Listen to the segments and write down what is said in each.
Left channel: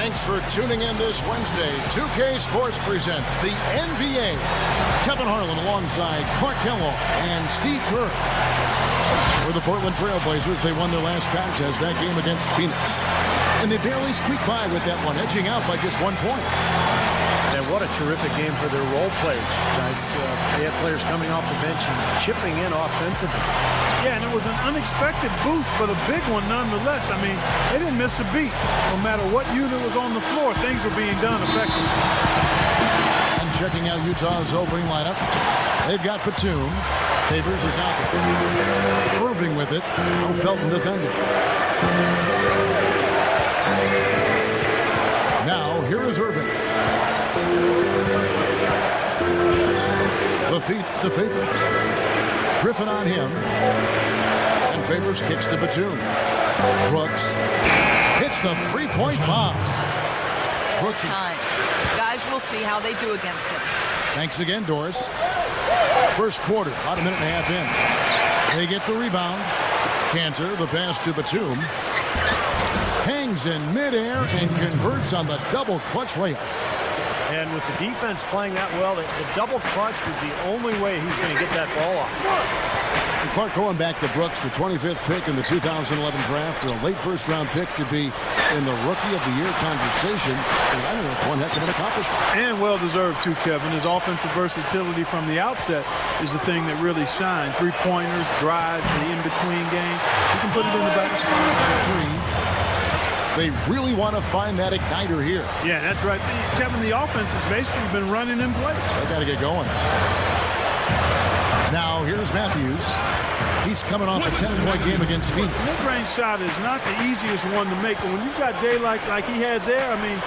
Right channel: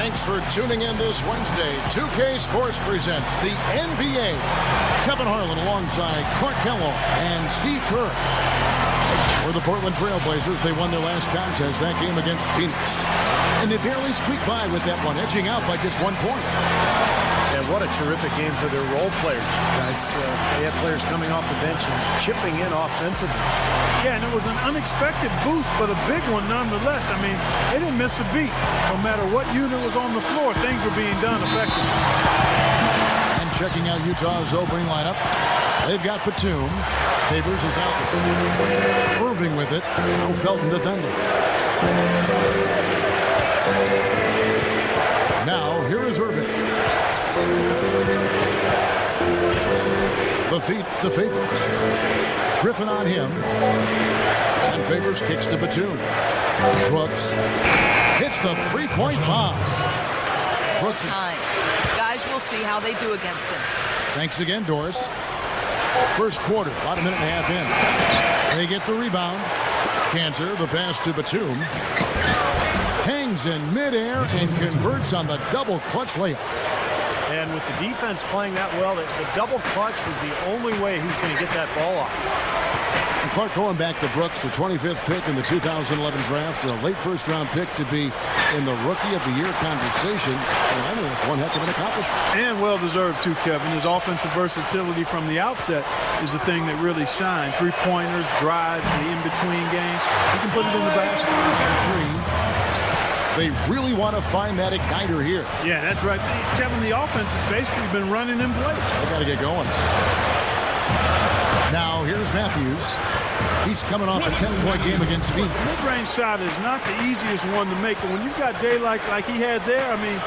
Thanks for tuning in this Wednesday. 2K Sports presents the NBA. Kevin Harlan alongside Clark Kellogg and Steve Kerr. For the Portland Trail Blazers, they won their last contest, that game against Phoenix. And they barely squeaked by with that one, edging out by just 1 point. Yeah, what a terrific game for their role players, guys. They had players coming off the bench and chipping in offensively. Yeah, and it was an unexpected boost, but a big one nonetheless. I mean, they didn't miss a beat. No matter what unit was on the floor, things were being done effectively. And checking out Utah's opening lineup, they've got Batum. Favors is out there. Irving with it. Now Felton defending. Now, here is Irving. The feet to Favors. Griffin on him. And Favors kicks to Batum. Brooks hits the three-point bomb. Brooks times. Guys, we'll see how they do against him. Thanks again, Doris. First quarter, about a minute and a half in. They get the rebound. Cantor, the pass to Batum. Hangs in midair and converts on the double clutch layup. And with the defense playing that well, the double clutch was the only way he was going to get that ball off. And Clark, going back to Brooks, the 25th pick in the 2011 draft, for a late first-round pick to be in the Rookie of the Year conversation, I think that's one heck of an accomplishment. And well-deserved, too, Kevin. His offensive versatility from the outset is the thing that really shined. Three-pointers, drives, the in-between game. He can put it in the basket. Three. They really want to find that igniter here. Yeah, that's right. Kevin, the offense has basically been running in place. They got to get going. Now, here's Matthews. He's coming off a 10-point game against Phoenix. Mid-range shot is not the easiest one to make, but when you've got daylight like he had there, I mean,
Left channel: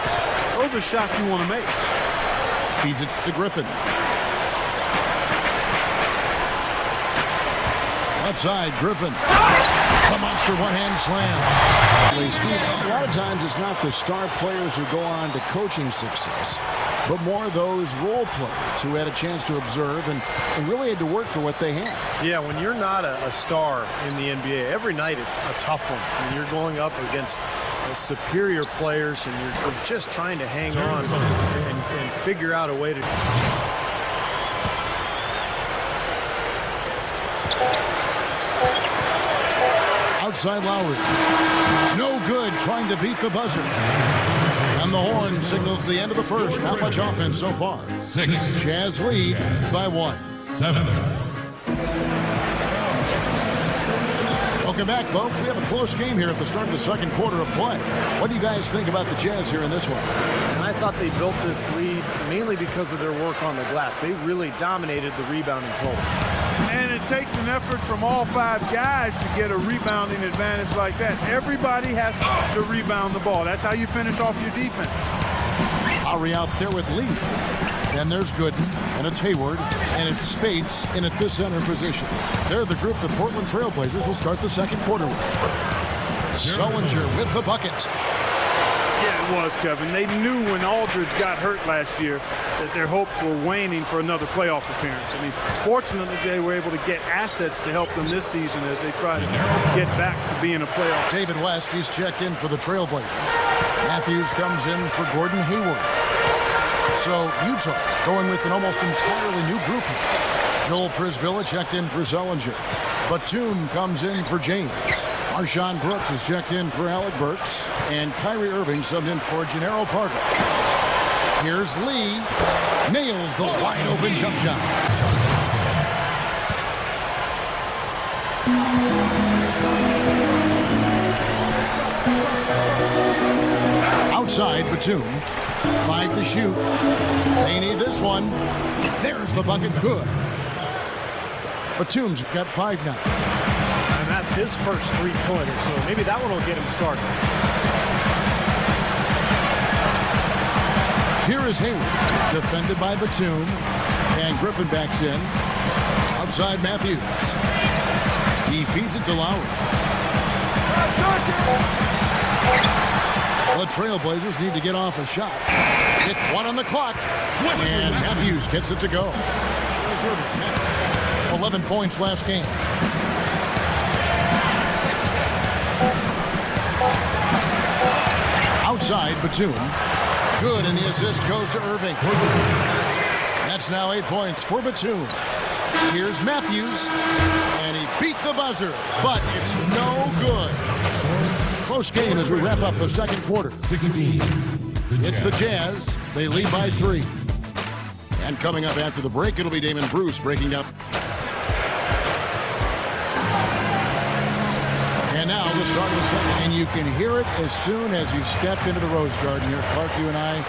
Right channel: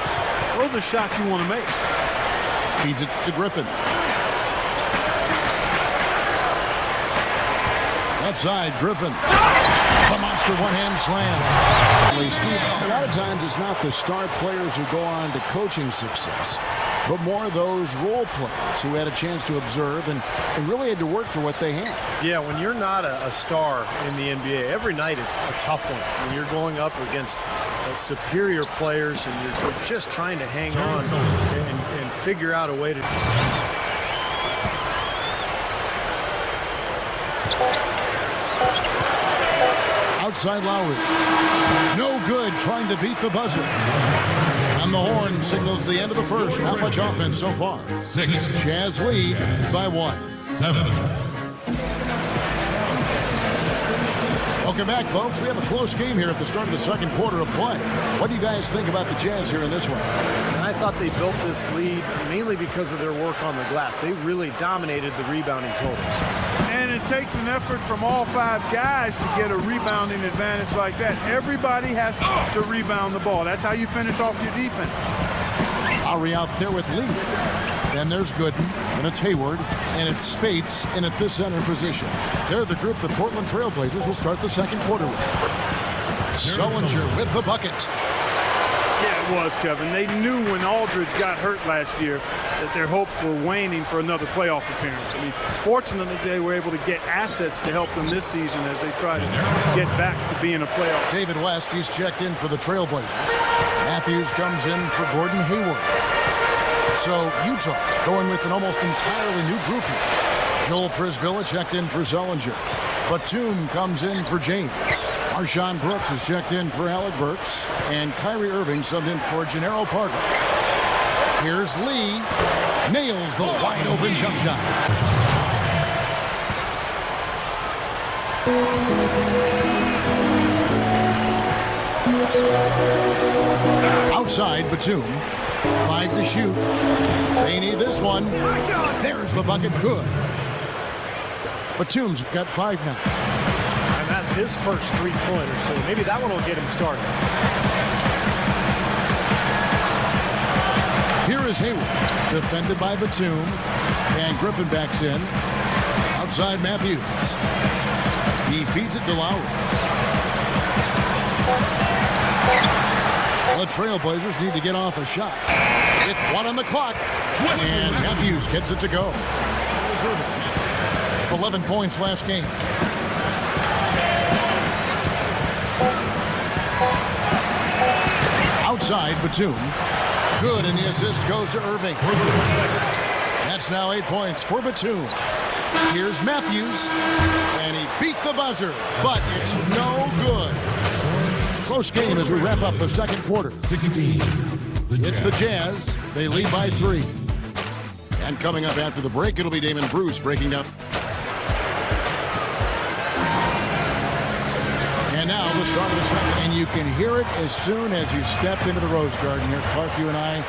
those are shots you want to make. Feeds it to Griffin. Left side, Griffin. The monster one-hand slam. Steve, a lot of times it's not the star players who go on to coaching success, but more those role players who had a chance to observe and really had to work for what they had. Yeah, when you're not a star in the NBA, every night is a tough one. I mean, you're going up against superior players, and you're just trying to hang on and figure out a way to... Outside Lowry. No good, trying to beat the buzzer. And the horn signals the end of the first. Not much offense so far. 6. Jazz lead by 1. 7. Welcome back, folks. We have a close game here at the start of the second quarter of play. What do you guys think about the Jazz here in this one? And I thought they built this lead mainly because of their work on the glass. They really dominated the rebounding totals. And it takes an effort from all 5 guys to get a rebounding advantage like that. Everybody has to rebound the ball. That's how you finish off your defense. Lowry out there with Lee. Then there's Gooden, and it's Hayward, and it's Spates in at the center position. They're the group the Portland Trail Blazers will start the second quarter with. Sullinger with the bucket. Yeah, it was, Kevin. They knew when Aldridge got hurt last year that their hopes were waning for another playoff appearance. I mean, fortunately, they were able to get assets to help them this season as they try to get back to being a playoff. David West, he's checked in for the Trail Blazers. Matthews comes in for Gordon Hayward. So Utah going with an almost entirely new group here. Joel Prisbilla checked in for Sullinger. Batum comes in for James. Marshawn Brooks is checked in for Alec Burks. And Kyrie Irving subbed in for Gennaro Parker. Here's Lee. Nails the wide open jump shot. Outside, Batum. 5 to shoot. They need this one. There's the bucket. Good. Batum's got 5 now. And that's his first three-pointer, so maybe that one will get him started. Here is Hayward, defended by Batum, and Griffin backs in. Outside Matthews. He feeds it to Lowry. The Trailblazers need to get off a shot. With 1 on the clock. And Matthews gets it to go. Here's Irving. 11 points last game. Outside, Batum. Good, and the assist goes to Irving. That's now 8 points for Batum. Here's Matthews, and he beat the buzzer, but it's no good. Close game as we wrap up the second quarter. 16. It's the Jazz. They lead by 3. And coming up after the break, it'll be Damon Bruce breaking down. And now the start of the second, and you can hear it as soon as you step into the Rose Garden here. Clark, you and I,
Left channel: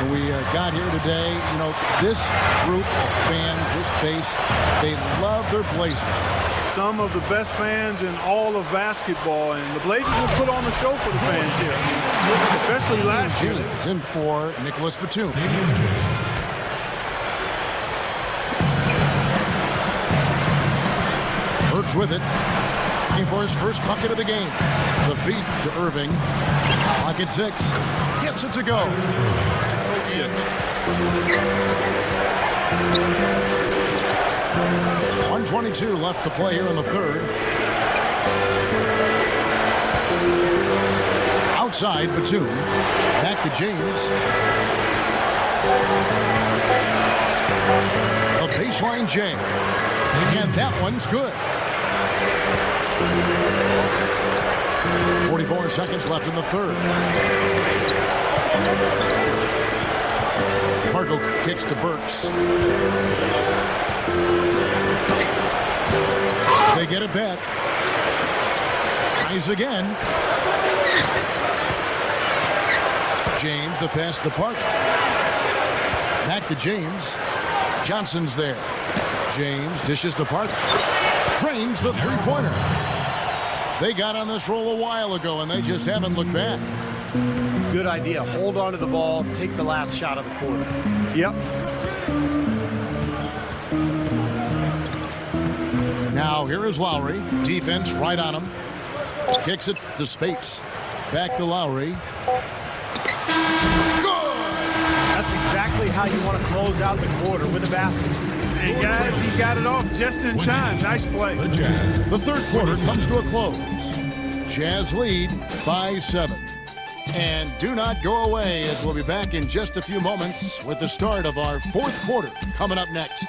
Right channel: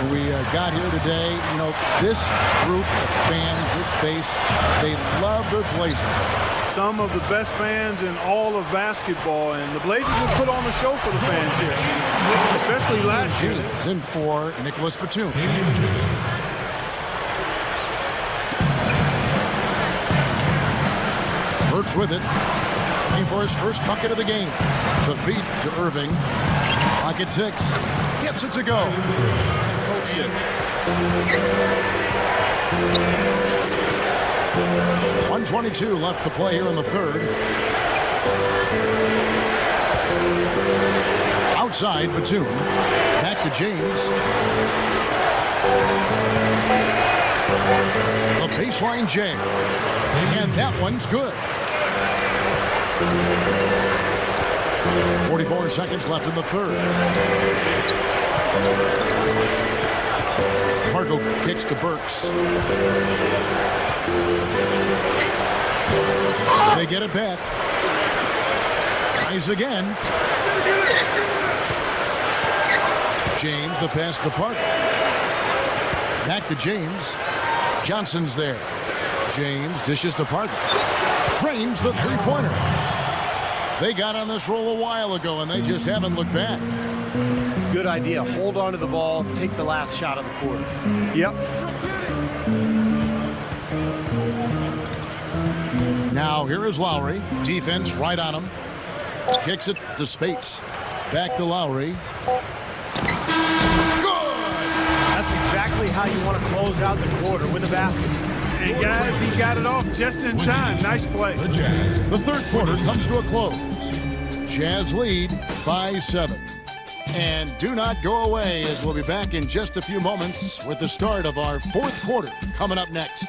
when we got here today, you know, this group of fans, this base, they love their Blazers. Some of the best fans in all of basketball, and the Blazers will put on a show for the fans here. I mean, especially last year. James in for Nicholas Batum. Damian James. Burks with it. Looking for his first bucket of the game. The feed to Irving. Clock at 6. Gets it to go. Coach did. 1:22 left to play here in the third. Outside, Batum. Back to James. The baseline jam. And that one's good. 44 seconds left in the third. Fargo kicks to Burks. They get it back. Tries again. James, the pass to Parker. Back to James. Johnson's there. James dishes to Parker. Frames the three-pointer. They got on this roll a while ago, and they just haven't looked back. Good idea. Hold on to the ball. Take the last shot of the quarter. Yep. Now here is Lowry. Defense right on him. Kicks it to Spates. Back to Lowry. Good! That's exactly how you want to close out the quarter, with a basket. And guys, he got it off just in time. Nice play. The Jazz. The third quarter comes to a close. Jazz lead by 7. And do not go away, as we'll be back in just a few moments with the start of our fourth quarter coming up next.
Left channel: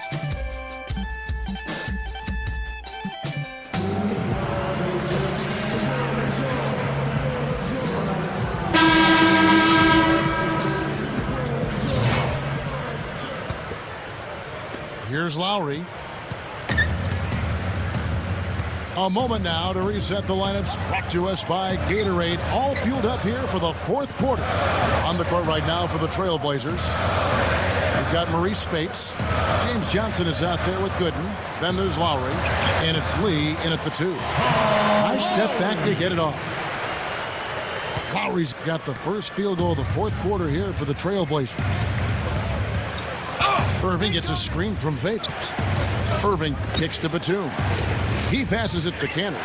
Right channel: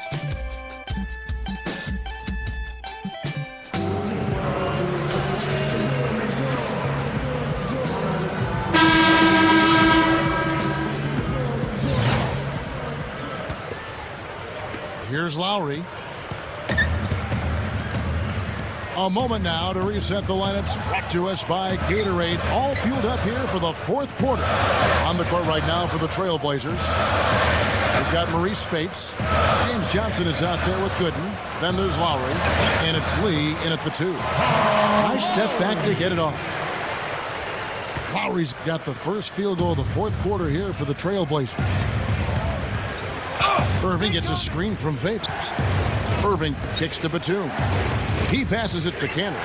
Here's Lowry. A moment now to reset the lineups, brought to us by Gatorade. All fueled up here for the fourth quarter. On the court right now for the Trailblazers. We've got Maurice Spates. James Johnson is out there with Gooden. Then there's Lowry. And it's Lee in at the 2. Nice step back to get it off. Lowry's got the first field goal of the fourth quarter here for the Trailblazers. Irving gets a screen from Favors. Irving kicks to Batum. He passes it to Canner.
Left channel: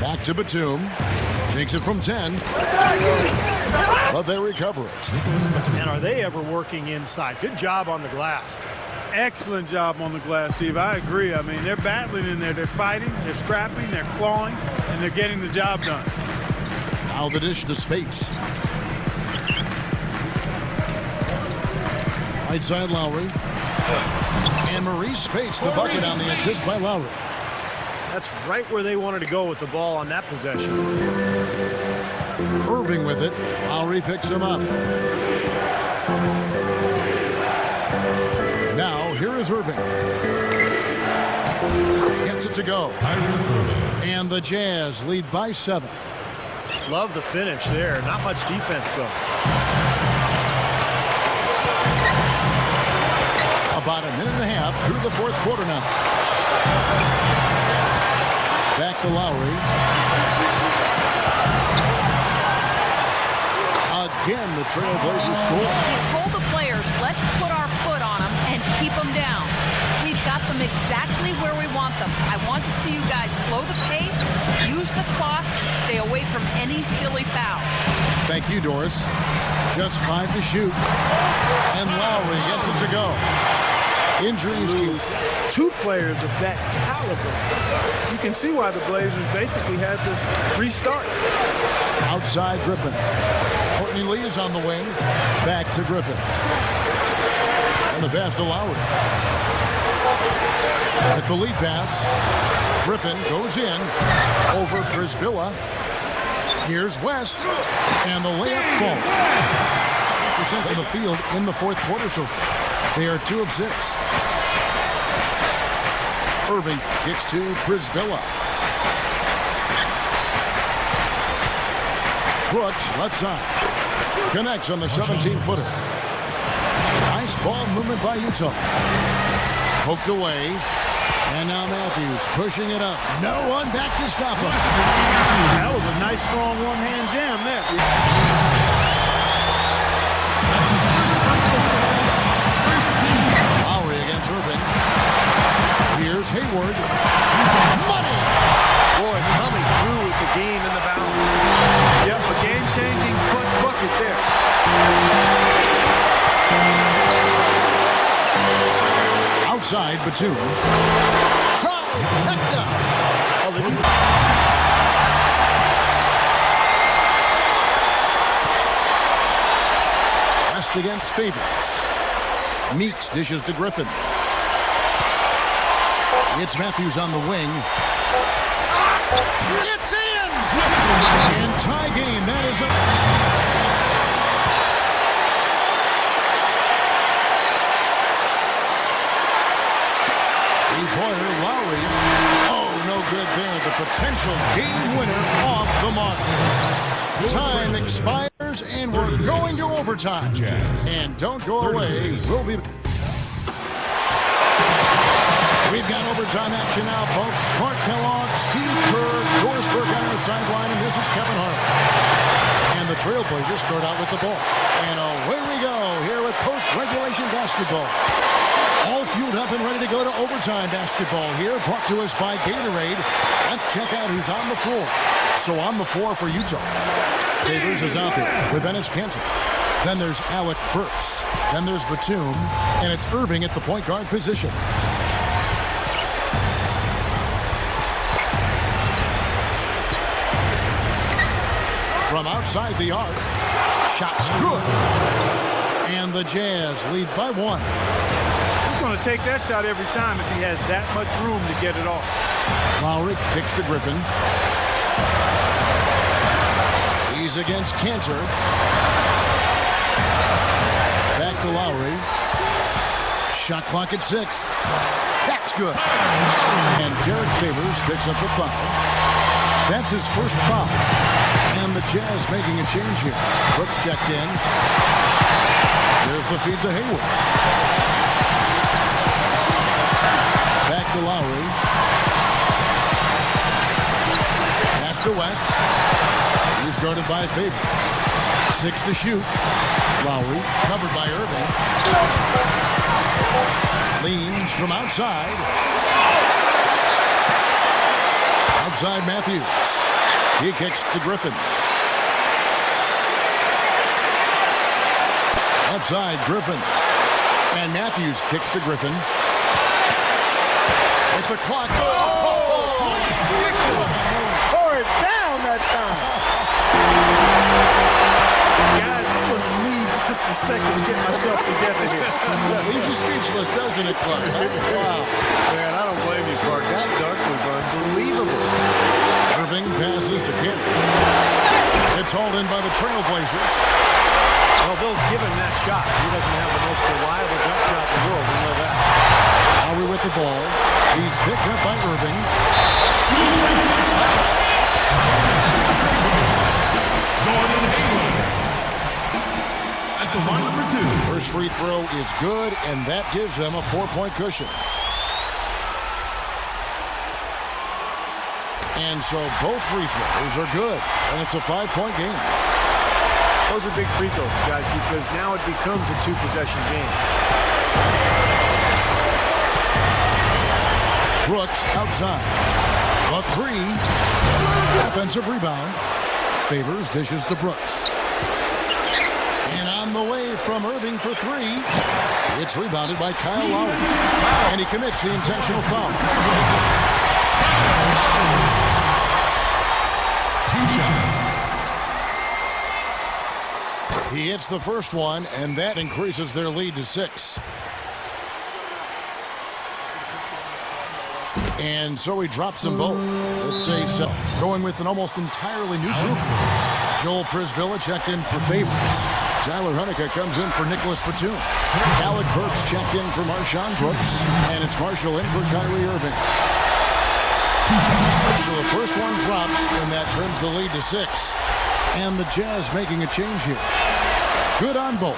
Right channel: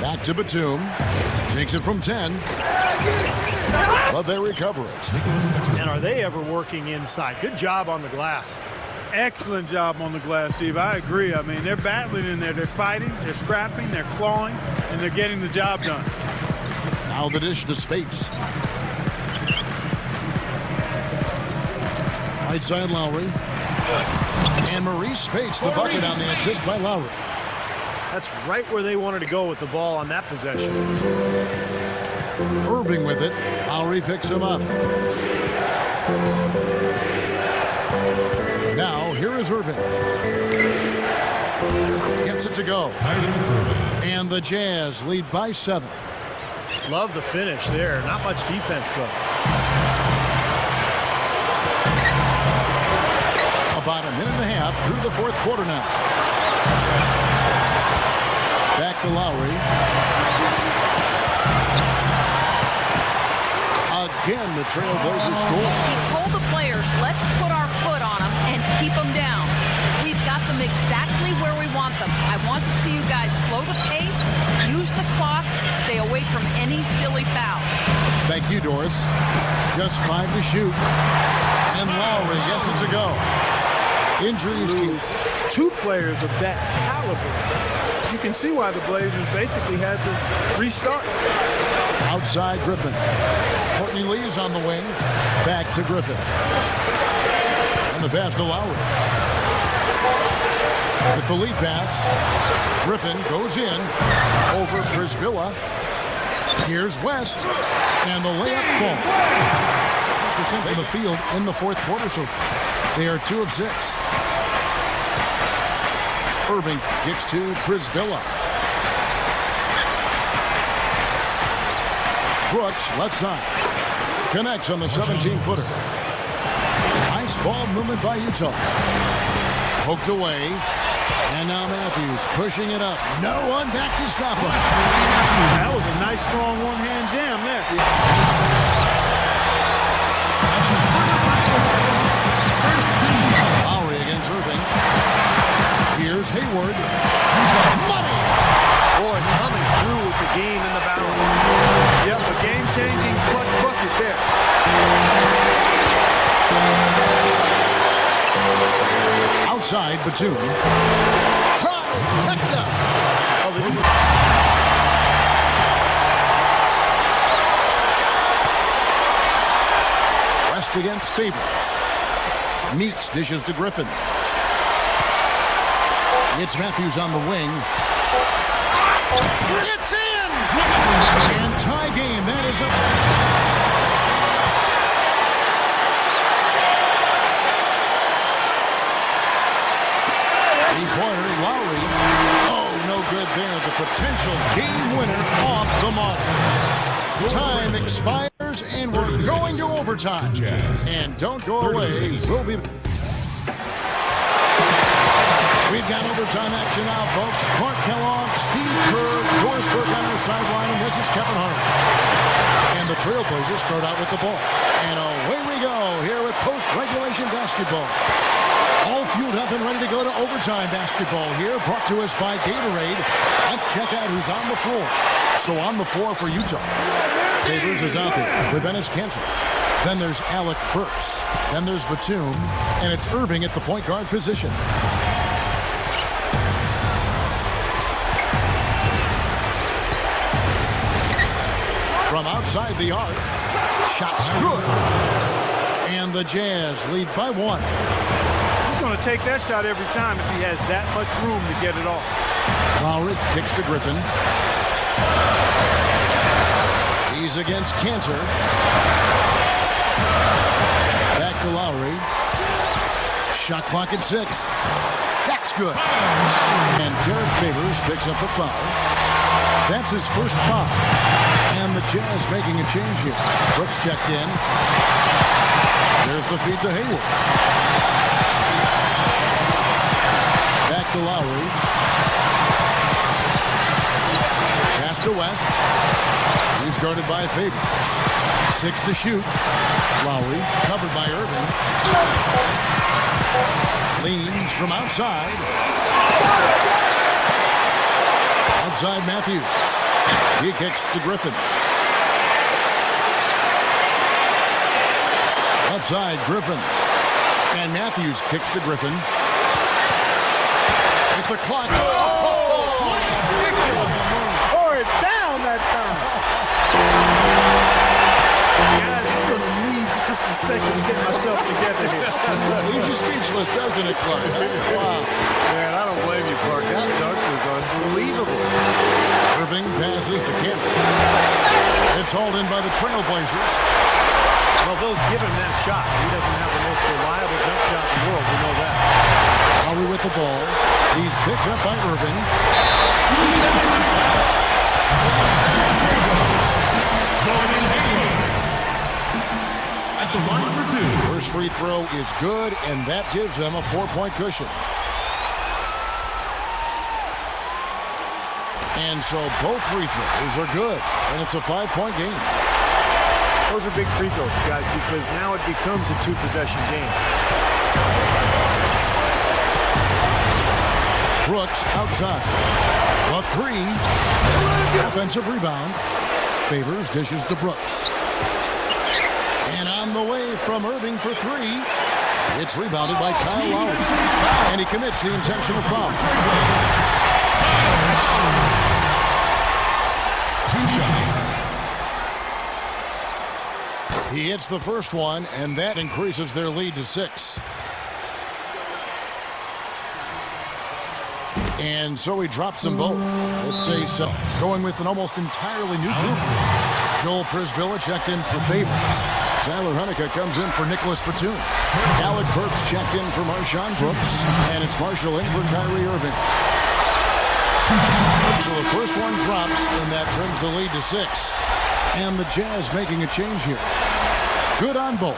Back to Batum. Takes it from 10. But they recover it. And are they ever working inside? Good job on the glass. Excellent job on the glass, Steve. I agree. I mean, they're battling in there. They're fighting, they're scrapping, they're clawing, and they're getting the job done. Now the dish to Spates. Right side Lowry. And Maurice Spates, the bucket on the assist by Lowry. That's right where they wanted to go with the ball on that possession. Irving with it. Lowry picks him up. Now here is Irving. Gets it to go. And the Jazz lead by 7. Love the finish there. Not much defense, though. About a minute and a half through the fourth quarter now. Back to Lowry. Again, the Trailblazers score. He told the players, let's put our foot on them and keep them down. We've got them exactly where we want them. I want to see you guys slow the pace, use the clock, and stay away from any silly fouls. Thank you, Doris. Just 5 to shoot. And Lowry gets it to go. Injuries keep. 2 players of that caliber. You can see why the Blazers basically had to restart. Outside Griffin. Courtney Lee is on the wing. Back to Griffin. And the pass to Lowry. With the lead pass, Griffin goes in over Przybilla. Here's West. And the layup falls. 50% of the field in the fourth quarter so far. They are 2 of 6. Irving kicks to Przybilla. Brooks, left side. Connects on the 17-footer. Nice ball movement by Utah. Poked away. And now Matthews pushing it up. No one back to stop him. That was a nice, strong one-hand jam there. That's his first personal foul. First team foul. Lowry against Irving. Here's Hayward. Money! Boy, coming through with the gain and the balance. Yep, a game-changing clutch bucket there. Outside, Batum. Trifecta! West against Favors. Meeks dishes to Griffin. It's Matthews on the wing. It's in! And tie game. That is a... Three-pointer, Lowry. Oh, no good there. The potential game winner off the mark. Time expires, and we're going to overtime. And don't go away. We'll be... We've got overtime action now, folks. Clark Kellogg, Steve Kerr, Dorsberg on our sideline, and this is Kevin Harlan. And the Trailblazers start out with the ball. And away we go here with post-regulation basketball. All fueled up and ready to go to overtime basketball here, brought to us by Gatorade. Let's check out who's on the floor. So on the floor for Utah, Favors is out there with Enes Kanter. Then there's Alec Burks. Then there's Batum. And it's Irving at the point guard position. From outside the arc, shot's good. And the Jazz lead by 1. He's going to take that shot every time if he has that much room to get it off. Lowry kicks to Griffin. He's against Kanter. Back to Lowry. Shot clock at 6. That's good. And Derek Favors picks up the foul. That's his first foul. And the Jazz making a change here. Brooks checked in. There's the feed to Hayward. Back to Lowry. Pass to West. He's guarded by Favors. 6 to shoot. Lowry covered by Irving. Leans from outside. Outside Matthews. He kicks to Griffin. Left side, Griffin. And Matthews kicks to Griffin. With the clock. Oh, ridiculous. Pour it down that time. Guys, I'm going to need just a second to get myself together here. Leaves you speechless, doesn't it, Clark? Wow. Man, I don't blame you, Clark. That dunk was unbelievable. Irving passes to Kanter. It's hauled in by the Trailblazers. Well, they'll give him that shot. He doesn't have the most reliable jump shot in the world. We know that. Lowry with the ball. He's picked up by Irving. Defensive foul. Trailblazers. Gordon Hayward. At the line for 2. First free throw is good, and that gives them a 4-point cushion. And so both free throws are good, and it's a 5-point game. Those are big free throws, guys, because now it becomes a 2-possession game. Brooks outside. A 3. Offensive rebound. Favors dishes to Brooks. And on the way from Irving for 3. It's rebounded by Kyle Lowry. And he commits the intentional foul. 2 shots. He hits the first one, and that increases their lead to 6. And so he drops them both. It's a going with an almost entirely new group. Joel Przybilla checked in for Favors. Tyler Hunnicutt comes in for Nicholas Batum. Alec Burks checked in for Marshawn Brooks. And it's Marshall in for Kyrie Irving. So the first one drops, and that trims the lead to 6. And the Jazz making a change here. Good on both.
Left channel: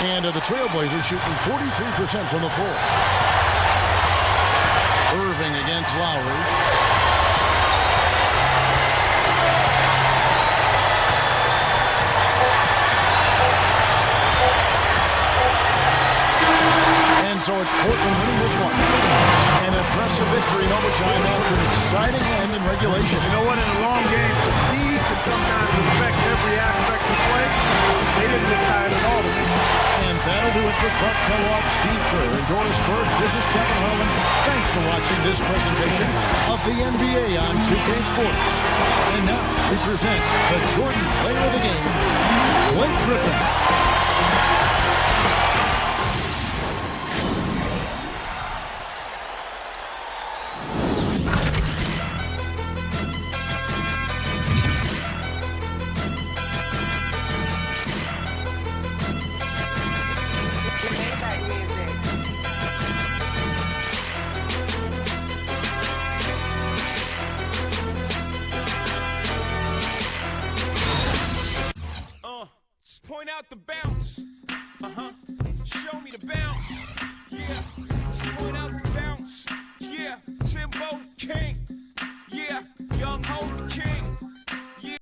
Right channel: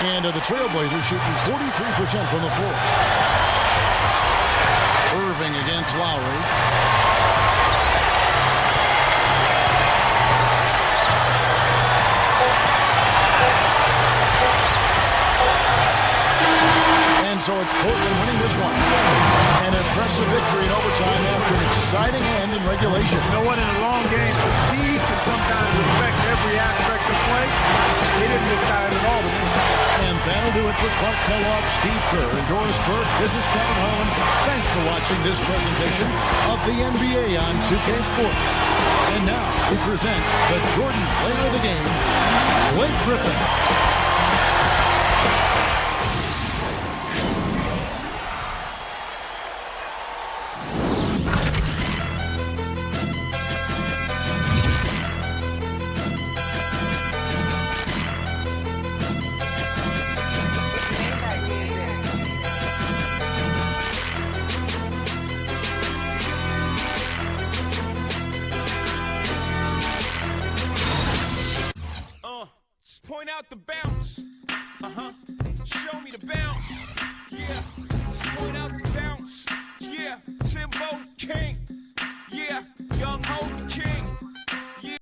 And the Trailblazers shooting 43% from the floor. Irving against Lowry. And so it's Portland winning this one. An impressive victory in overtime after an exciting end in regulation. You know what? In a long game, fatigue can sometimes affect every aspect of play. They didn't look tired at all to me. And that'll do it for Clark Kellogg, Steve Kerr, and Doris Burke. This is Kevin Harlan. Thanks for watching this presentation of the NBA on 2K Sports. And now we present the Jordan Player of the Game, Blake Griffin. Point out the bounce. Show me the bounce. Yeah. Just point out the bounce. Yeah. Timbo King. Yeah. Young Ho